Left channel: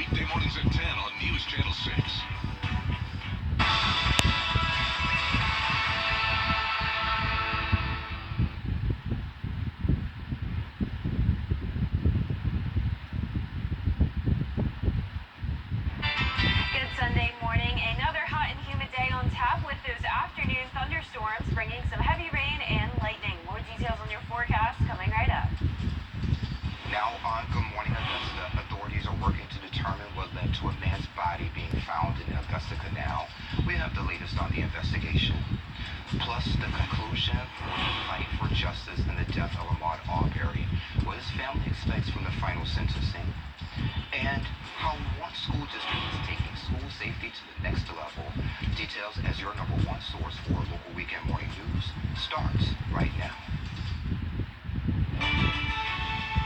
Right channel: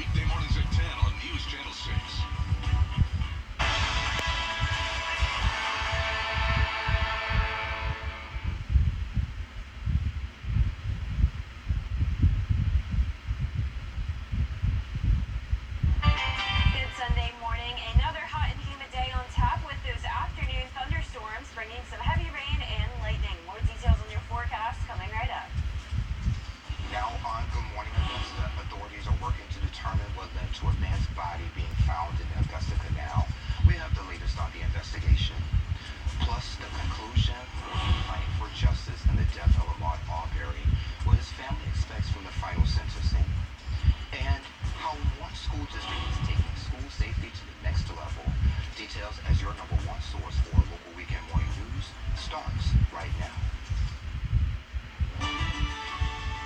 weekday mornings at 10 on News Channel 6. Good Sunday morning. Another hot and humid day on tap with those afternoon thunderstorms bringing some heavy rain and lightning. More details on your forecast coming right up. Now on Good Morning Augusta, authorities are working to determine what led to a man's body being found in the Augusta Canal. We have the latest on the investigation. Plus, the conclusion for the fight for justice in the death of Ahmaud Arbery, what his family expects from the final sentencing, and how one school district is taking school safety to the next level. Details as your number one source for local weekend morning news starts right now.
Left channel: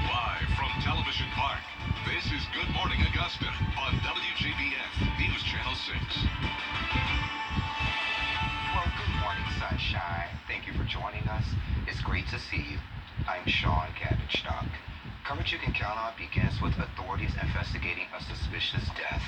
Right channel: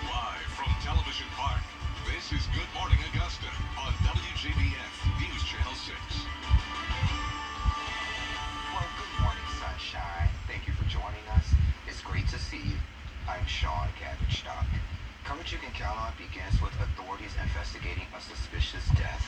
Live from Television Park, this is Good Morning Augusta on Wjbf News Channel 6. Well, good morning, sunshine. Thank you for joining us. It's great to see you. I'm Sean Cabbage-Stock. Coverage you can count on begins with authorities investigating a suspicious death.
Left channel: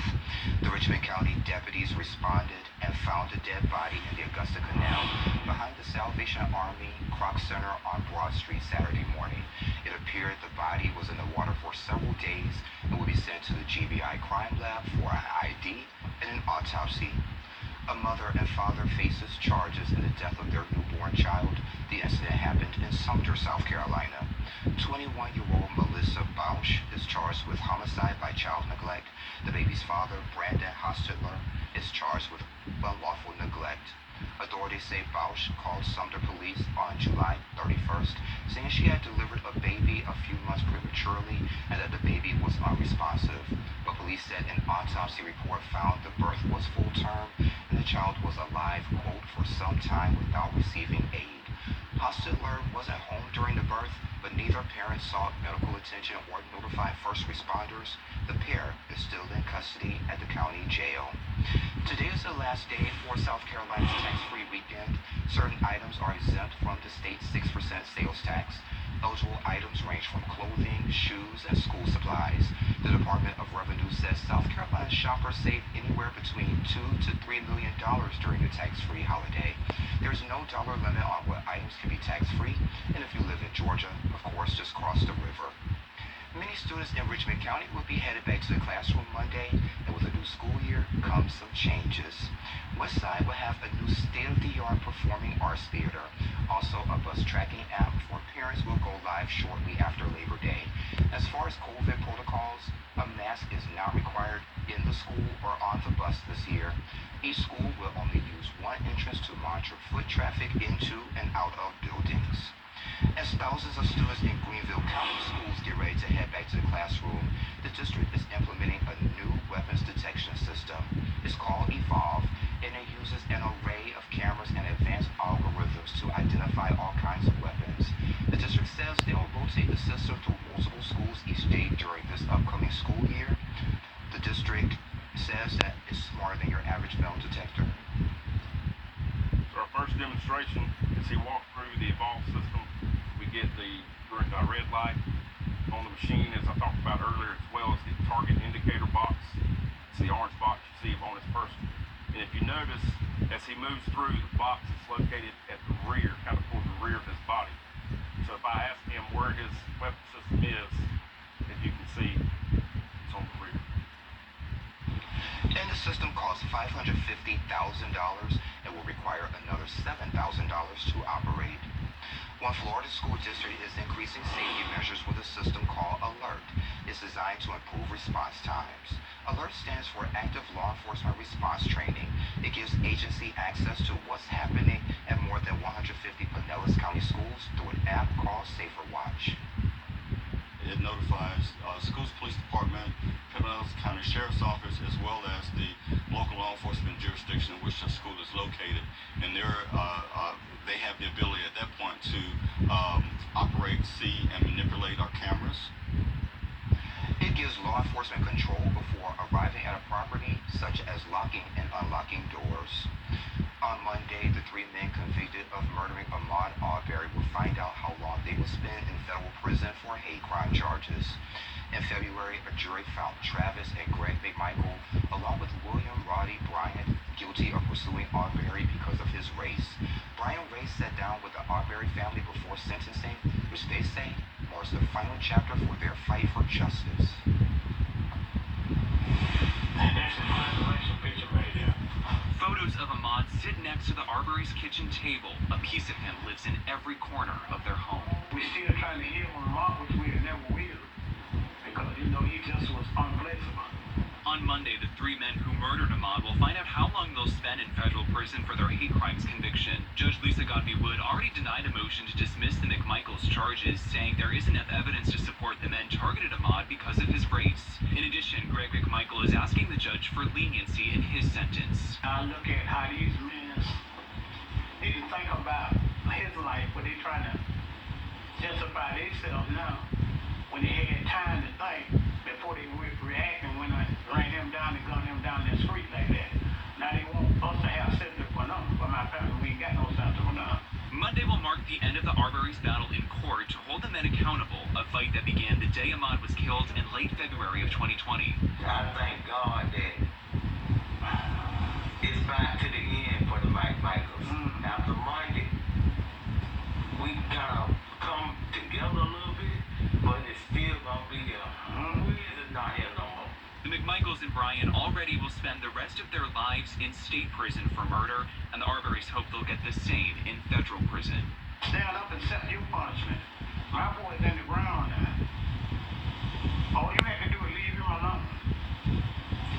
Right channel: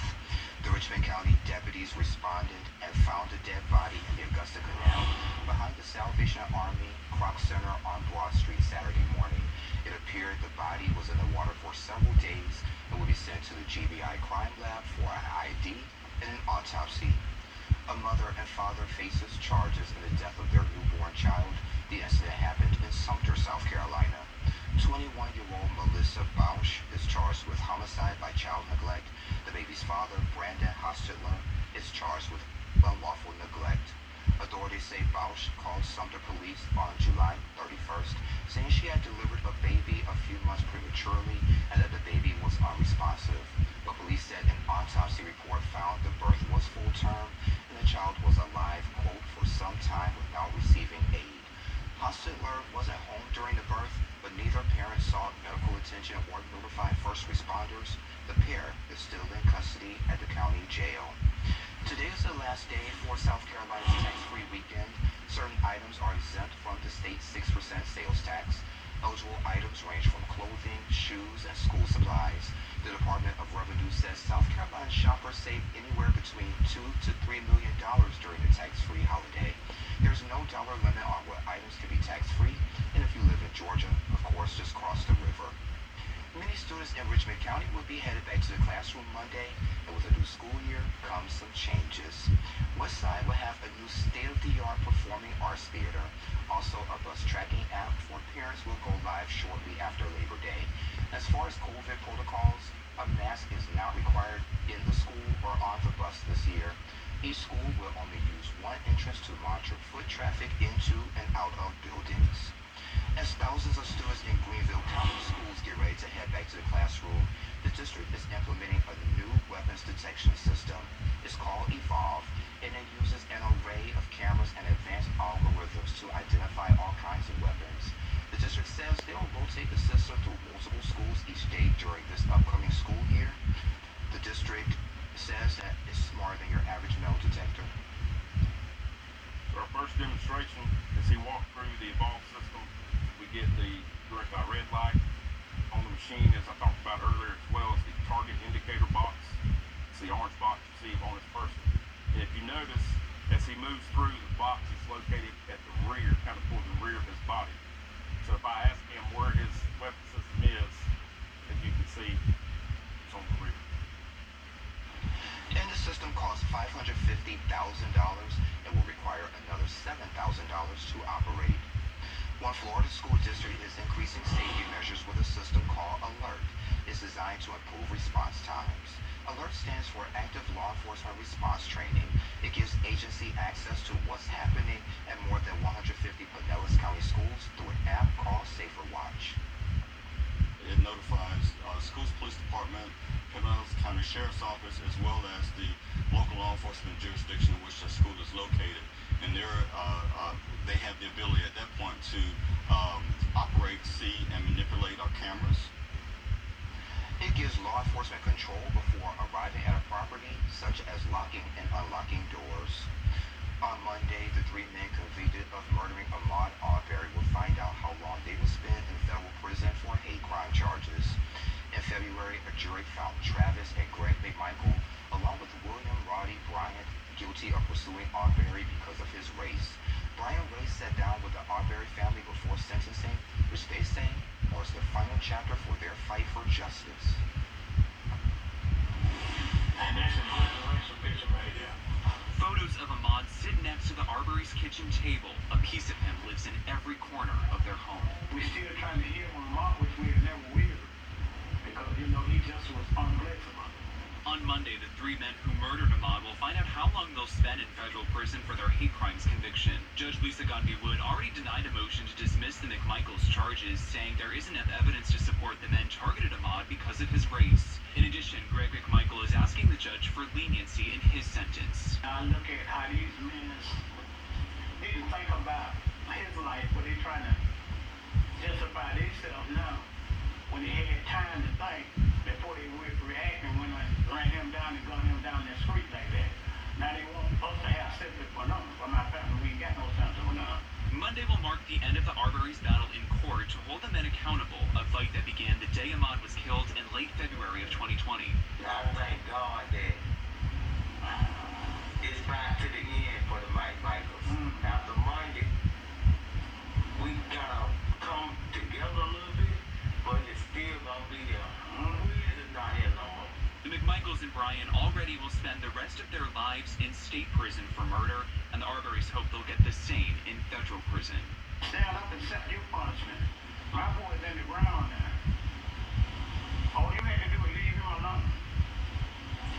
The Richmond County deputies responded and found a dead body in the Augusta Canal behind the Salvation Army Croc Center on Broad Street Saturday morning. It appeared the body was in the water for several days and will be sent to the GBI Crime Lab for an ID and an autopsy. A mother and father faces charges in the death of their newborn child. The incident happened in Sumter, South Carolina. 21-year-old Melissa Bausch is charged with homicide by child neglect. The baby's father, Brandon Hostetler, is charged with unlawful neglect. Authorities say Bausch called Sumter police on July 31st, saying she had delivered a baby a few months prematurely and that the baby was unresponsive. But police said an autopsy report found the birth was full term and the child was alive, quote, for some time without receiving aid. Hostetler wasn't home during the birth, but neither parent sought medical attention or notified first responders. The pair is still in custody at the county jail. Today is the last day for South Carolina's tax-free weekend. Certain items are exempt from the state's 6% sales tax. Eligible items range from clothing, shoes, and school supplies. The Department of Revenue says South Carolina shoppers save anywhere between $2 to $3 million during the tax-free holiday. There's no dollar limit on what items can be tax-free, and if you live in Georgia, of course, just cross the river. Many students in Richmond County will be headed back to the classroom Monday, and with a new school year comes some changes. Westside will have a new state-of-the-art performing arts theater. Also, a bus tracking app for parents will go live shortly after Labor Day. As far as COVID protocols, a mask is not required in the school or on the bus this year. Each school will only use one entrance to monitor foot traffic into and out of buildings. As thousands of students in Greenville County schools get ready to head back to the classroom, the district is implementing a new weapons detection system. It's called Evolve, and it uses an array of cameras and advanced algorithms to identify all kinds of weapons. The district says they'll rotate the system through multiple schools each day during this upcoming school year. The district says that it's smarter than your average metal detector. Our first demonstration is he walked through the Evolve system. We get the red light on the machine, as I talked about earlier, as well as the target indicator box. It's the orange box you see on his person. And if you notice, as he moves through, the box is located at the rear, kind of towards the rear of his body. So if I ask him where his weapon system is, as you can see, it's on the rear. And the system costs $550,000 and will require another $7,000 to operate. One Florida school district is increasing safety measures with a system called Alert. It's designed to improve response times. Alert stands for Active Law Enforcement Response Training. It gives agency access to what's happening at more than 150 Pinellas County schools through an app called Safer Watch. It notifies schools, police department, Pinellas County Sheriff's Office, as well as the local law enforcement jurisdiction in which the school is located. And they have the ability at that point to operate, see, and manipulate our cameras. It gives law enforcement control before arriving at a property, such as locking and unlocking doors. On Monday, the three men convicted of murdering Ahmaud Arbery will find out how long they will spend in federal prison for hate crime charges. In February, a jury found Travis and Greg Michael, along with William Roddy Bryant, guilty of pursuing Arbery because of his race. Brian Ray sat down with the Arbery family before sentencing, which they say marks the final chapter for their fight for justice. That's an inspirational picture right there. Photos of Ahmaud sit next to the Arbery's kitchen table. A piece of him lives in every corner of their home. We're still trying to heal on Ahmaud, which we never will, because he just was unflexible. On Monday, the three men who murdered Ahmaud will find out how long they'll spend in federal prison for their hate crimes conviction. Judge Lisa Godby-Wood already denied a motion to dismiss the McMichaels charges, saying there isn't enough evidence to support the men targeted Ahmaud because of his race. In addition, Greg McMichael is asking the judge for leniency in his sentence. I look at how these men didn't think about his life, but they're trying to justify themselves now when they had time to think before they were reacting when I ran him down and gunned him down the street like that. Now they want us to have sympathy for them, for my family. We ain't got no sympathy for them. Monday will mark the end of the Arbery's battle in court to hold the men accountable, a fight that began the day Ahmaud was killed in late February of 2020. I thank God that it's back to the end for the McMichaels. After Monday, we kind of come together a little bit, but it's still gonna be there. We're not here no more. The McMichaels and Brian already will spend the rest of their lives in state prison for murder, and the Arbery's hope they'll get the same in federal prison. Stand up and accept your punishment. My boy's in the ground now. All you have to do is leave him alone.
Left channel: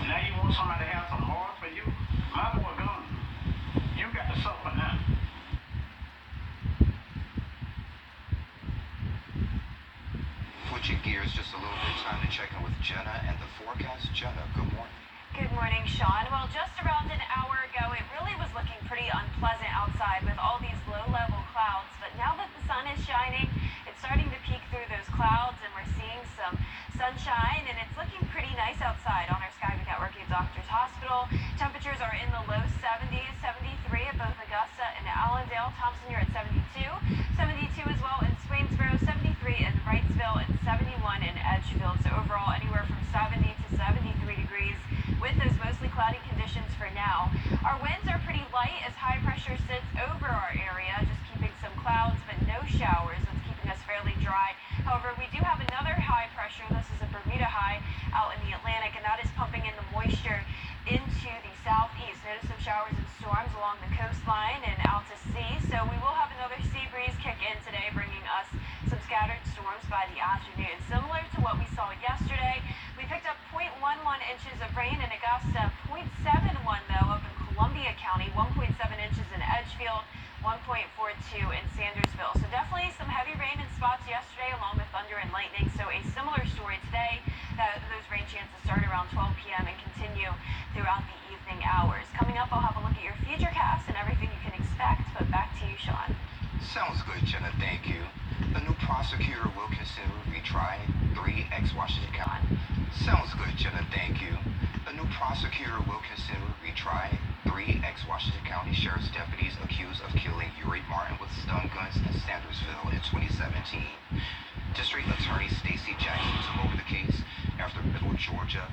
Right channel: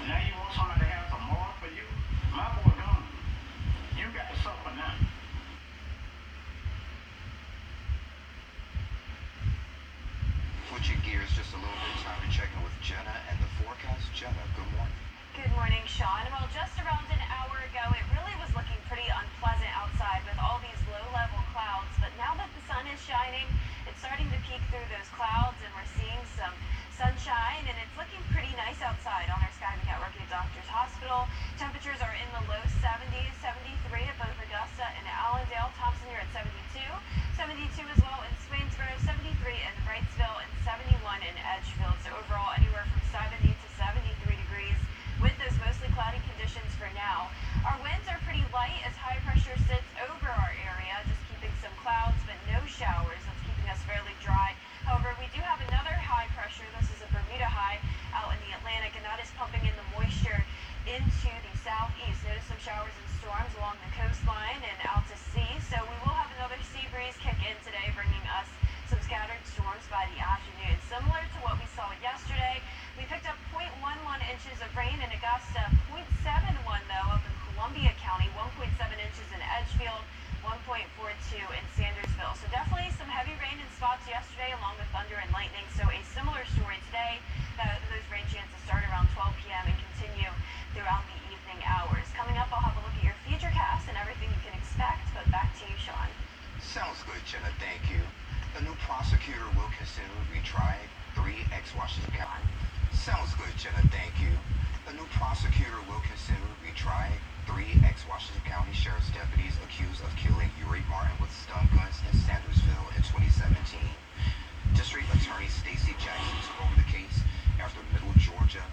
And now you want somebody to have some more for you? My boy gone. You got to suffer now. Switching gears just a little bit, time to check in with Jenna and the forecast. Jenna, good morning. Good morning, Sean. Well, just around an hour ago, it really was looking pretty unpleasant outside with all these low-level clouds. But now that the sun is shining, it's starting to peek through those clouds, and we're seeing some sunshine, and it's looking pretty nice outside on our Skyview Network at Doctors Hospital. Temperatures are in the low 70s, 73 at both Augusta and Allendale. Thompson, you're at 72, 72 as well in Swainsboro, 73 in Wrightsville, and 71 in Edgefield. So overall, anywhere from 70 to 73 degrees with those mostly cloudy conditions for now. Our winds are pretty light as high pressure sits over our area, just keeping some clouds but no showers. That's keeping us fairly dry. However, we do have another high pressure. This is a Bermuda high out in the Atlantic, and that is pumping in the moisture into the southeast. Notice some showers and storms along the coastline and out to sea. So we will have another sea breeze kick in today, bringing us some scattered storms by the afternoon. Similar to what we saw yesterday, we picked up 0.11 inches of rain in Augusta, 0.71 though up in Columbia County, 1.7 inches in Edgefield, 1.42 in Sandersville. So definitely some heavy rain in spots yesterday along with thunder and lightning. So a similar story today. Those rain chances start around 12 p.m. and continue throughout the evening hours. Coming up, I'll have a look at your futurecast and everything you can expect. But back to you, Sean. Sounds good, Jenna. Thank you. A new prosecutor will consider retrying 3 ex-Washington County. Sounds good, Jenna. Thank you. A new prosecutor will consider retrying 3 ex-Washington County Sheriff's deputies accused of killing Uri Martin with stun guns in Sandersville in 2017. District Attorney Stacey Jackson took over the case after Middle Georgia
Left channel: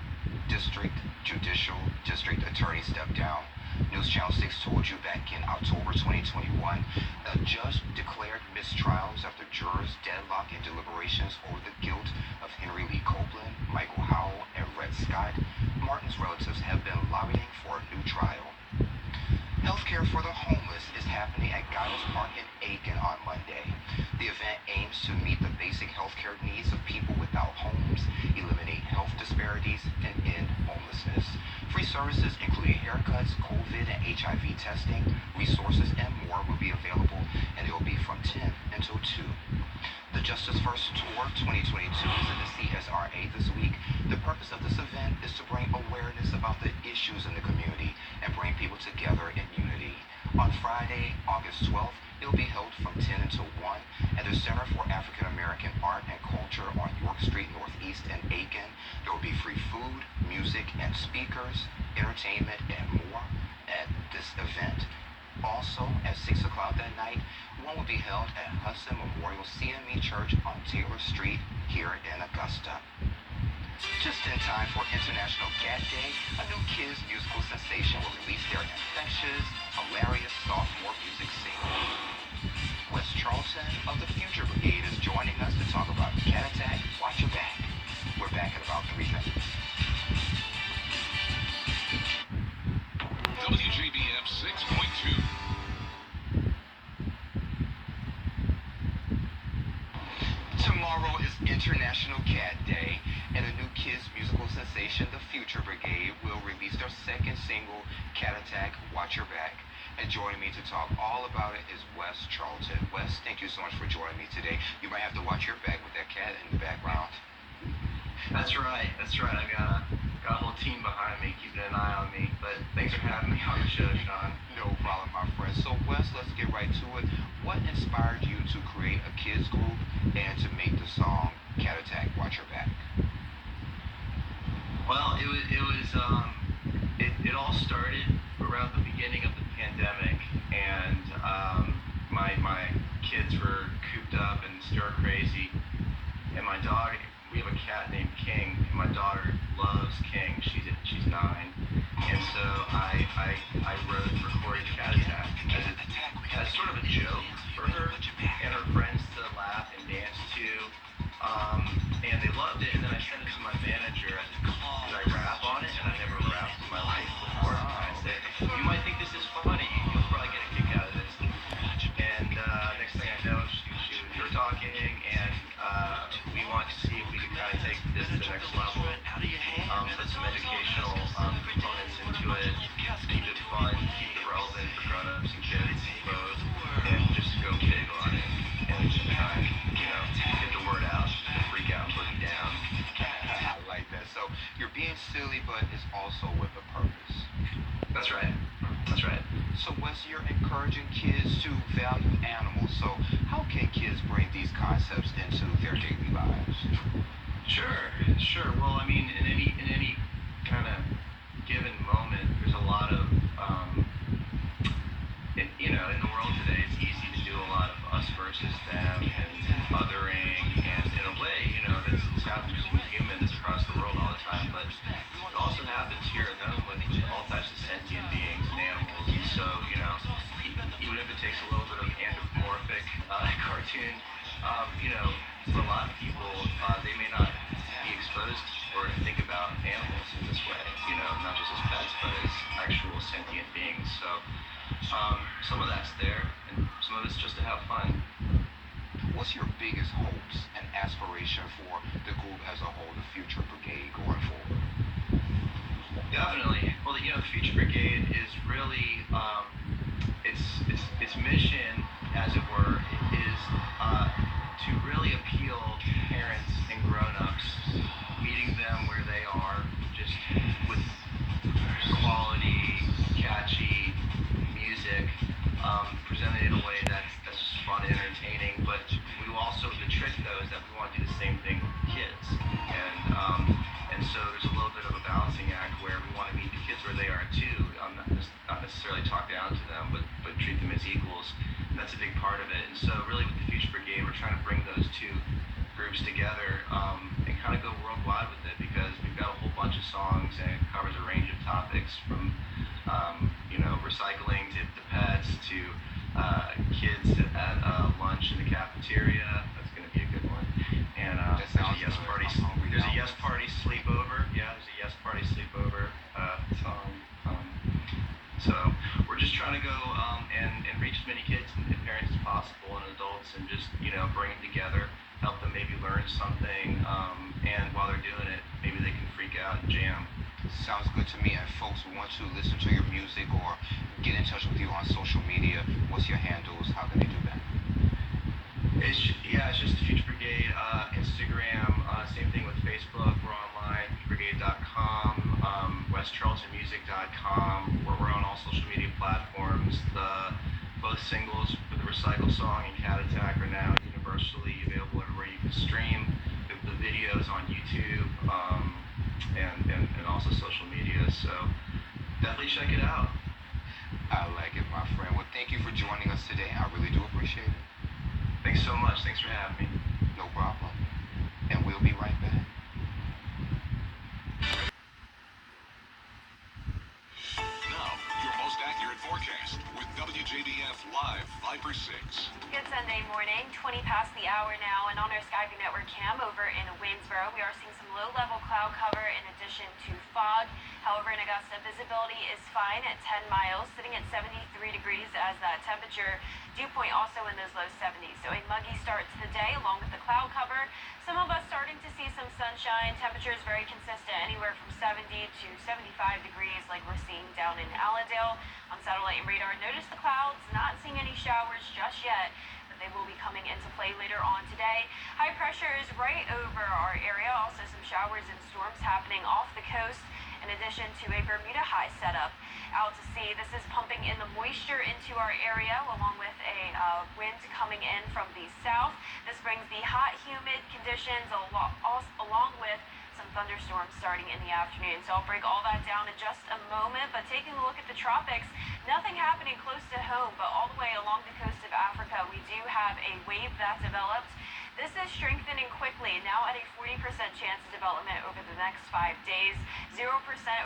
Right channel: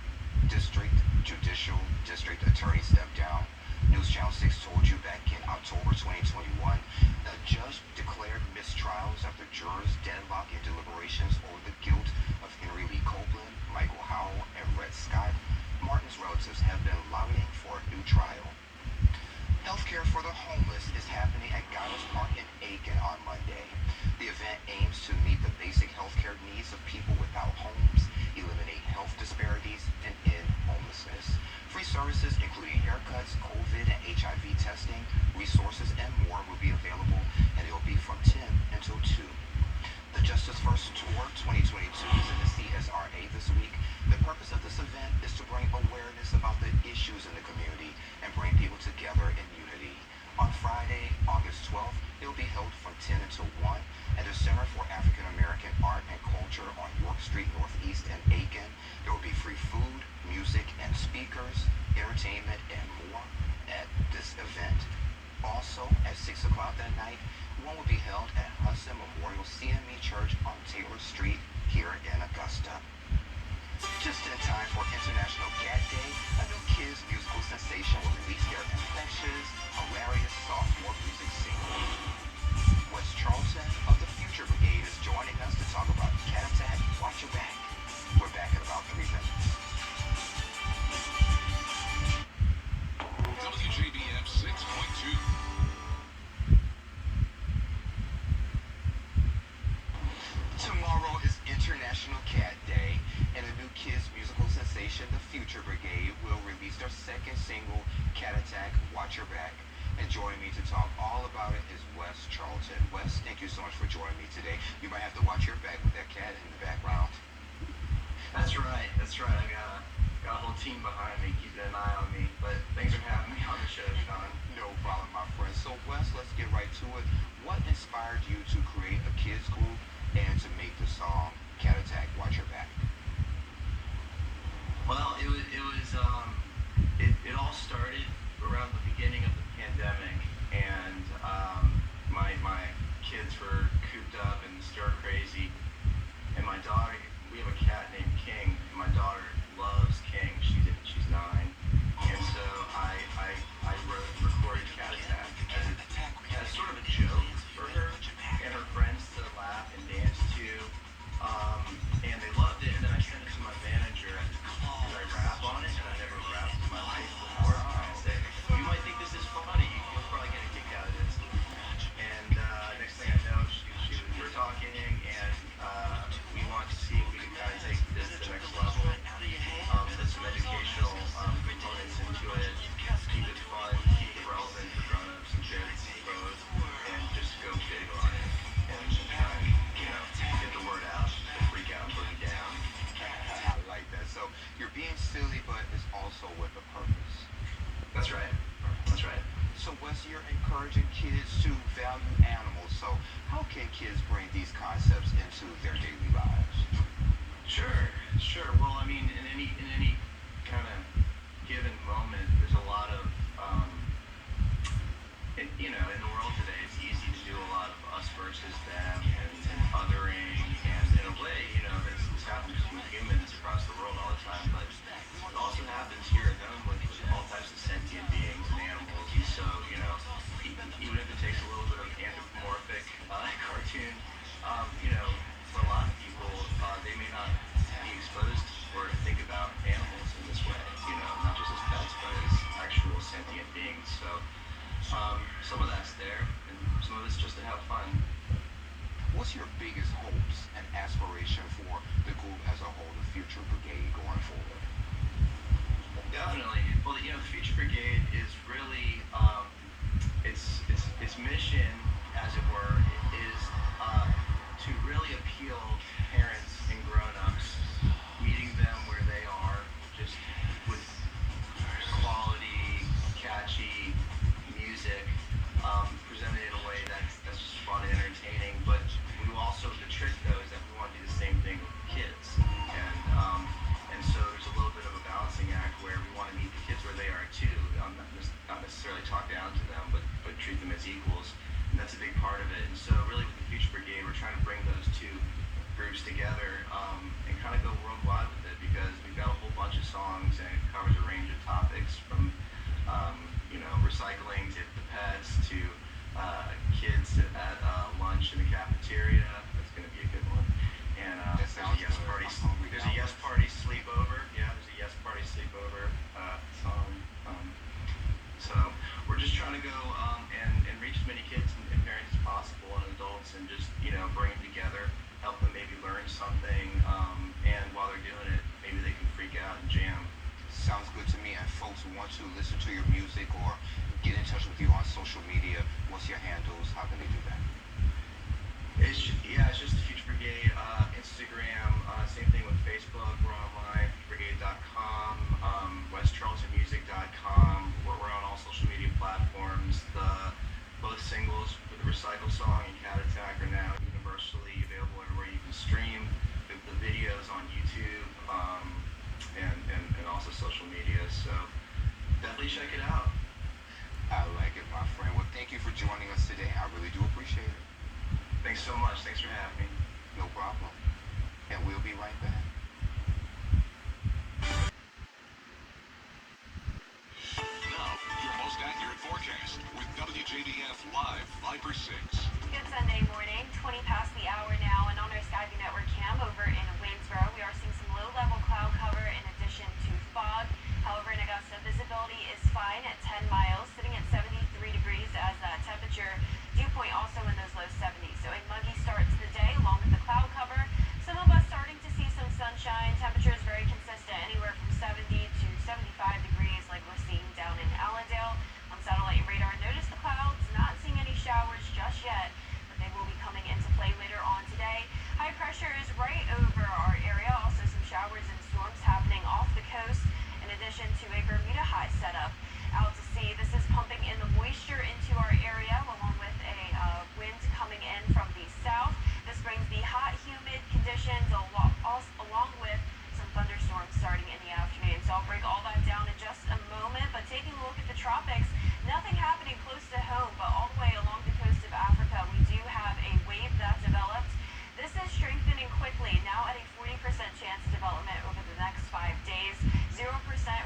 District Judicial District Attorney stepped down. News Channel 6 told you back in October 2021, a judge declared mistrials after jurors deadlocked in deliberations over the guilt of Henry Lee Copeland, Michael Howell, and Red Scott. Martin's relatives have been lobbying for a new trial. Healthcare for the homeless is happening at Giles Park in Aiken on Monday. The event aims to meet the basic healthcare needs of people without homes, eliminate health disparities, and end homelessness. Free services including haircuts, COVID and HIV testing, resources, and more will be available, and it will be from 10 until 2. The Justice First Tour 2022 is in the CSRA this week. The purpose of this event is to bring awareness about the issues in the community and bring people together in unity. On Friday, August 12th, it will be held from 10 until 1 at the Center for African American Art and Culture on York Street Northeast in Aiken. There will be free food, music, and speakers, entertainment, and more at this event. Also, at 6 o'clock that night, one will be held at Hudson Memorial CME Church on Taylor Street here in Augusta. Just in time for International Cat Day, a new kids musical sensation will release their infectious, hilarious sophomore music single. Wes Charlton of the Future Brigade is joining us to talk about Cat Attack, Watch Your Back. We're back in about 3 minutes. WJBF 6.2. Tomorrow is International Cat Day, and a new kids musical sensation, the Future Brigade, will release their second single, Cat Attack, Watch Your Back. And joining me to talk all about it is Wes Charlton. Wes, thank you so much for joining me today. You might have to watch your back with that cat in the background. That's right. I got a whole team behind me keeping an eye on me. But thanks for having me on the show, Sean. No problem, my friend. So, Wes, let's get right to it. What inspired you to create a kids group and to make the song Cat Attack, Watch Your Back? Well, it all started around the beginning of the pandemic, and my kids were cooped up and stir crazy, and my dog. We have a cat named King, and my daughter loves King. She's 9, and so I recorded Cat Attack as sort of a joke for her and her friends to laugh and dance to, and they loved it. And then I sent it to my manager because I rap on it, and I never rapped in my life before. I said, "You might think this is funny. You'll probably get a kick out of this." And next thing I know, we were talking, and we wanted to see if we could kind of take this to the next level, put some educational components into it, keep it fun, keep it relevant for grown-ups and kids both, and just go big on it, and get the word out, freak out, boogie down. I like that. So you're being silly, but it's also with a purpose. That's right. So Wes, you're encouraging kids to value animals. So how can kids bring these concepts into their daily lives? Sure. Well, I mean, in any kind of given moment, there's a lot of, in the world today, it's easy to do a lot of us versus them and othering, and in a way, this happens with humans across the world all the time, but it also happens here at home with all types of sentient beings and animals, and so, even if it takes a little bit of anthropomorphic cartoon, for a lot of people, they may not be exposed or think about animals in this way, not just as pets, but as actual sentient beings. So some of that's there, and some of it's just to have fun. What's your biggest hopes and aspiration for the group as a whole, the Future Brigade, going forward? Definitely. Well, the Future Brigade is really, its mission, as it were, is to really appeal to parents and grown-ups, meeting them where they are, just with quality, catchy music, presented in a way that's fun and entertaining. But we also, the trick though, is that we want to do the same thing with kids, and so there's a little bit of a balancing act where we want to meet the kids where they are too, not necessarily talk down to them, but treat them as equals. And that's a big part of it. And so really with the Future Brigade, we're trying to bring those two groups together, and kind of go worldwide with it, because we've got a whole bunch of songs, and it covers a range of topics from recycling to pets to kids at lunch in the cafeteria. That's going to be a good one. And there's a Yes Party. There's a Yes Party sleepover. Yeah, there's a Yes Party sleepover song. So we're just trying to go and reach as many kids and parents as possible, and adults, and just bring them together, help them maybe learn something, and while they're doing it, maybe they can freak out and jam. Sounds good to me. And folks who want to listen to your music or get in touch with you on social media, what's your handles? How can they do that? It's just the Future Brigade, Instagram, same thing with Facebook. We're online, futurebrigade.com, westcharltonmusic.com. We're on all social media platforms. Both singles for the Recycle song and Cat Attack are now universally available everywhere you can stream. The videos on YouTube, and also social media. So definitely check it out. I like it, my friend. Well, thank you for joining us today. I really do appreciate it. Thanks so much. Thanks for having me. No problem. And we'll be right back. Viper 6. Good Sunday morning, 20 past the hour now, and on our Skyview Network cam over in Waynesboro, we are seeing some low-level cloud cover in addition to fog. However, in Augusta, visibility is fine at 10 miles, sitting at 73 degrees as that temperature. Dew point also in those low 70s. So a muggy start to the day along with the cloud cover. Some of us starting to see some sunshine. Temperatures very consistent, anywhere from 70 to 75 degrees like we're seeing down in Allendale. On satellite and radar, notice the clouds, not seeing any showers just yet, but they will be coming into play later on today. High pressure is right over our area. Also some showers and storms happening off the coast, in addition to a Bermuda high setup out to sea. This is pumping in the moisture into our area, along with a wind coming in from the south. This brings the hot, humid conditions along with some thunderstorms starting in the afternoon. So I'll break all that down in just a moment. But taking a look at the tropics, nothing happening close to home, but all the way along the coast of Africa, we do have a wave that developed. This is strengthening quickly, now at a 40% chance of development over the next 5 days, 0%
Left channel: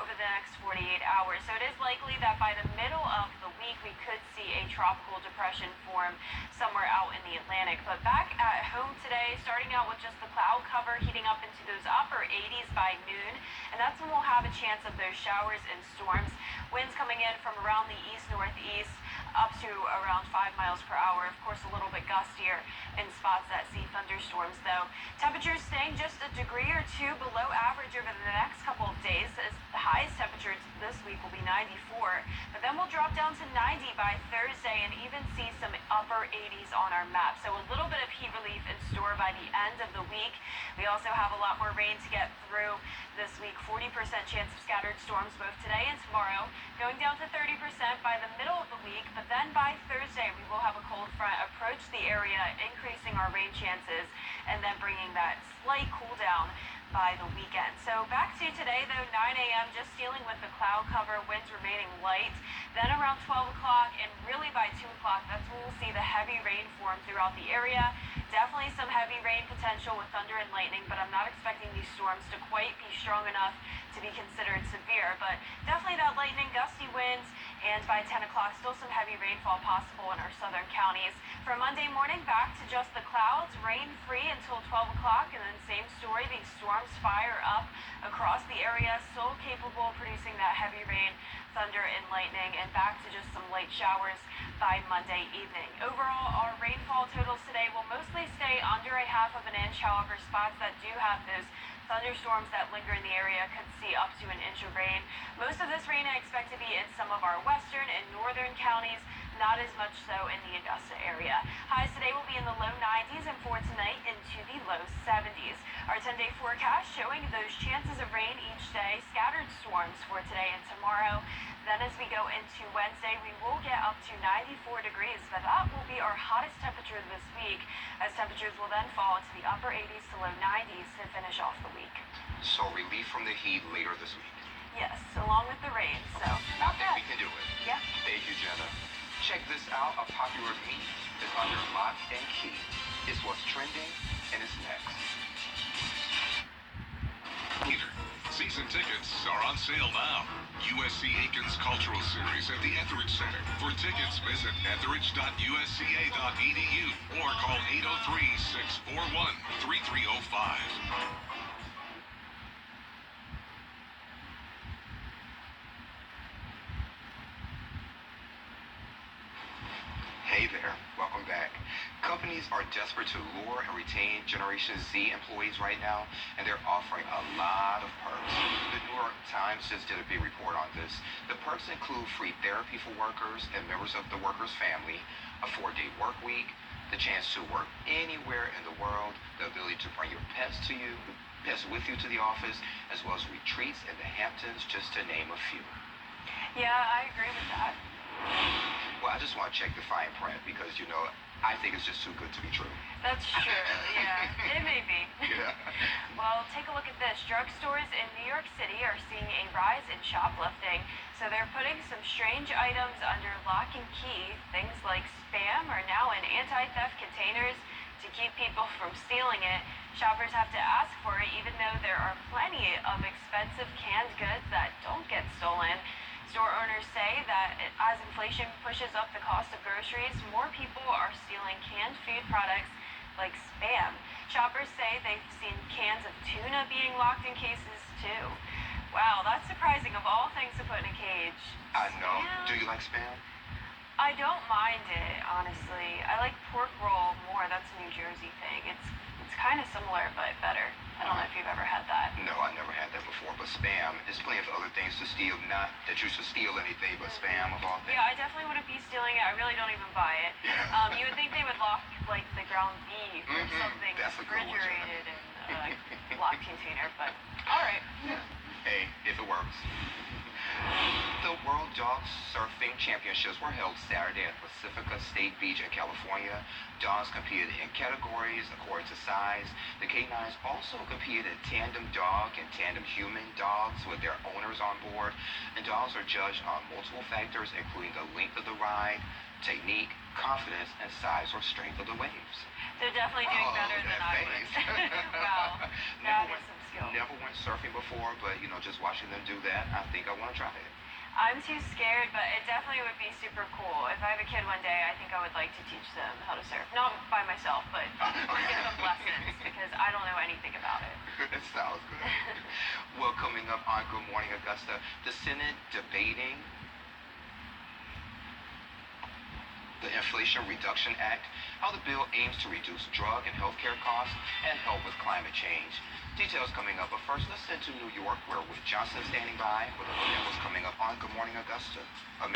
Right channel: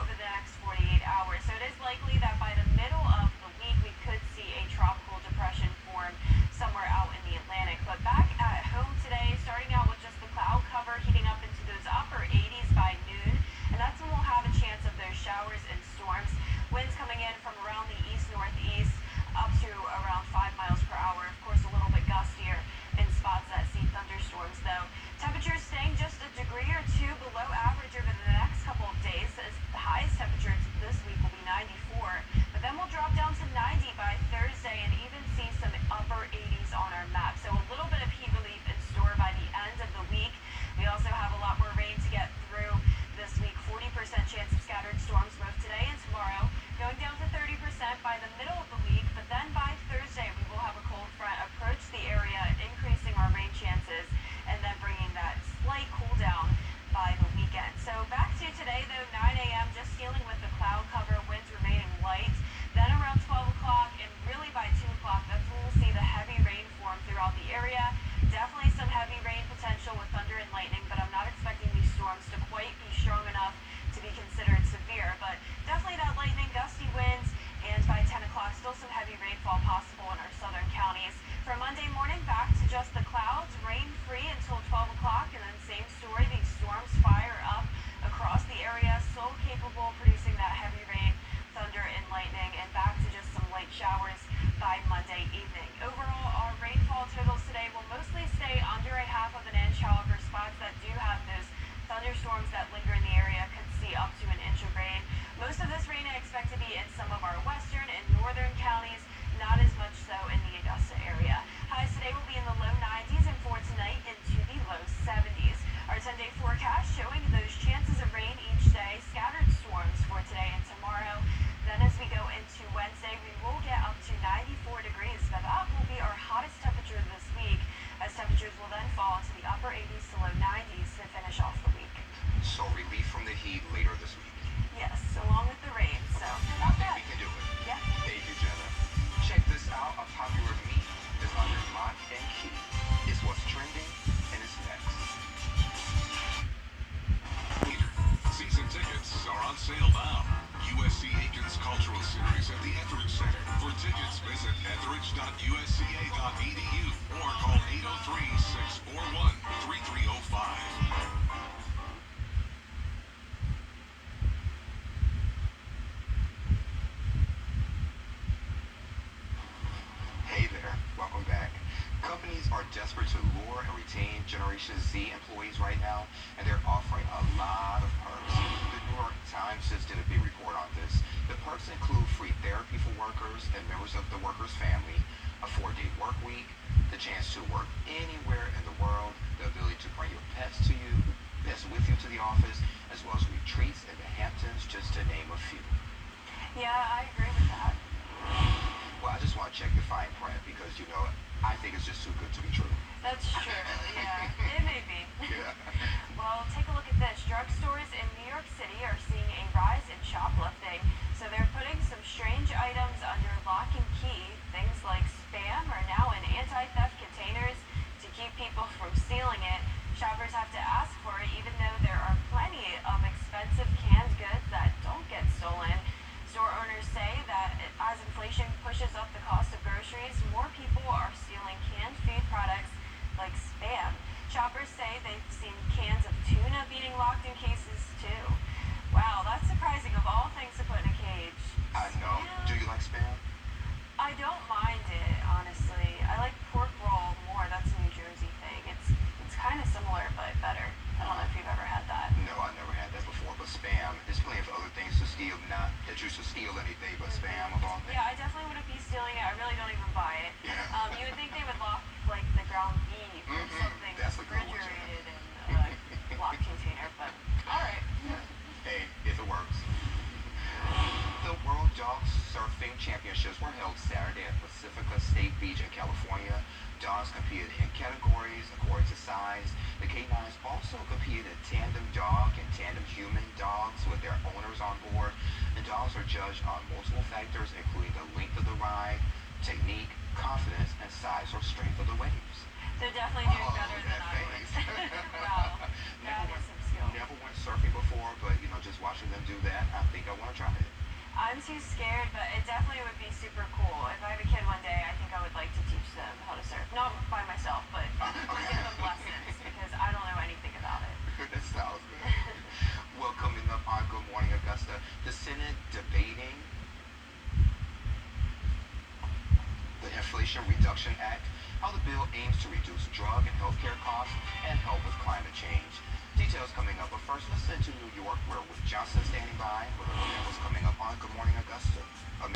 over the next 48 hours. So it is likely that by the middle of the week, we could see a tropical depression form somewhere out in the Atlantic. But back at home today, starting out with just the cloud cover, heating up into those upper 80s by noon, and that's when we'll have a chance of those showers and storms. Winds coming in from around the east-northeast up to around 5 miles per hour. Of course, a little bit gustier in spots that see thunderstorms, though. Temperatures staying just a degree or two below average over the next couple of days, as the highest temperature this week will be 94, but then we'll drop down to 90 by Thursday and even see some upper 80s on our map. So a little bit of heat relief in store by the end of the week. We also have a lot more rain to get through this week. 40% chance of scattered storms both today and tomorrow, going down to 30% by the middle of the week, but then by Thursday we will have a cold front approach the area, increasing our rain chances and then bringing that slight cool down by the weekend. So back to today though, 9 a.m. just dealing with the cloud cover, winds remaining light. Then around 12 o'clock and really by 2 o'clock, that's when we'll see the heavy rain form throughout the area. Definitely some heavy rain potential with thunder and lightning, but I'm not expecting these storms to quite be strong enough to be considered severe. But definitely that lightning, gusty winds, and by 10 o'clock, still some heavy rainfall possible in our southern counties. For Monday morning, back to just the clouds, rain-free until 12 o'clock, and then same story, these storms fire up across the area, still capable of producing that heavy rain, thunder, and lightning, and back to just some light showers by Monday evening. Overall, our rainfall totals today will mostly stay under a half of an inch. However, spots that do have those thunderstorms that linger in the area could see up to an inch of rain. Most of this rain I expect to be in some of our western and northern counties, not as much so in the Augusta area. Highs today will be in the low 90s and for tonight into the low 70s. Our 10-day forecast showing those chances of rain each day, scattered storms for today and tomorrow. Then as we go into Wednesday, we will get up to 94 degrees, but that will be our hottest temperature this week, as temperatures will then fall into the upper 80s to low 90s to finish off the week. So relief from the heat later this week. Yes, along with the rain, so I think we can do it. Yeah. Thank you, Jenna. Check this out. A popular meme is under lock and key. It's what's trending, and it's next. Season tickets are on sale now. USC Aiken's Cultural Series at the Etheridge Center. For tickets, visit etheridge.usca.edu or call 803-641-3305. Hey there, welcome back. Companies are desperate to lure and retain Generation Z employees right now, and they're offering a lot of perks. The New York Times just did a big report on this. The perks include free therapy for workers and members of the workers' family, a 4-day work week, the chance to work anywhere in the world, the ability to bring your pets with you to the office, as well as retreats in the Hamptons, just to name a few. Yeah, I agree with that. Well, I just want to check the fine print because, I think it's just too good to be true. That's true, yeah. It may be. Yeah. Well, take a look at this. Drugstores in New York City are seeing a rise in shoplifting. So they're putting some strange items under lock and key. Things like spam are now in anti-theft containers to keep people from stealing it. Shoppers have to ask for it, even though there are plenty of expensive canned goods that don't get stolen. Store owners say that as inflation inflation pushes up the cost of groceries, more people are stealing canned food products like Spam. Shoppers say they've seen cans of tuna being locked in cases too. Wow, that's surprising of all things to put in a cage. I know. Spam? Do you like Spam? I don't mind it, honestly. I like pork roll more. That's a New Jersey thing. It's kind of similar, but better. I don't know if you've ever had that. No, I never had that before, but Spam is plenty of other things to steal. Not that you should steal anything, but Spam of all things. Yeah, I definitely wouldn't be stealing it. I really don't even buy it. Yeah. You would think they would lock, like, the ground beef or something That's a good one, refrigerated in a locked container, but alright. Hey, if it works. The World Dog Surfing Championships were held Saturday at Pacifica State Beach in California. Dogs competed in categories according to size. The K9s also competed in tandem dog and tandem human dogs with their owners on board. And dogs are judged on multiple factors, including the length of the ride, technique, confidence, and size or strength of the waves. They're definitely doing better than I would. Wow, that is some skill. Never went surfing before, but just watching them do that, I think I want to try it. I'm too scared, but it definitely would be super cool. If I have a kid one day, I think I would like to teach them how to surf. Not by myself, but give them lessons, because I don't know anything about it. It sounds good. Well, coming up on Good Morning Augusta, the Senate debating the Inflation Reduction Act, how the bill aims to reduce drug and healthcare costs and help with climate change. Details coming up, but first let's head to New York, where with Johnson standing by with a look at what's coming up on Good Morning Augusta. America.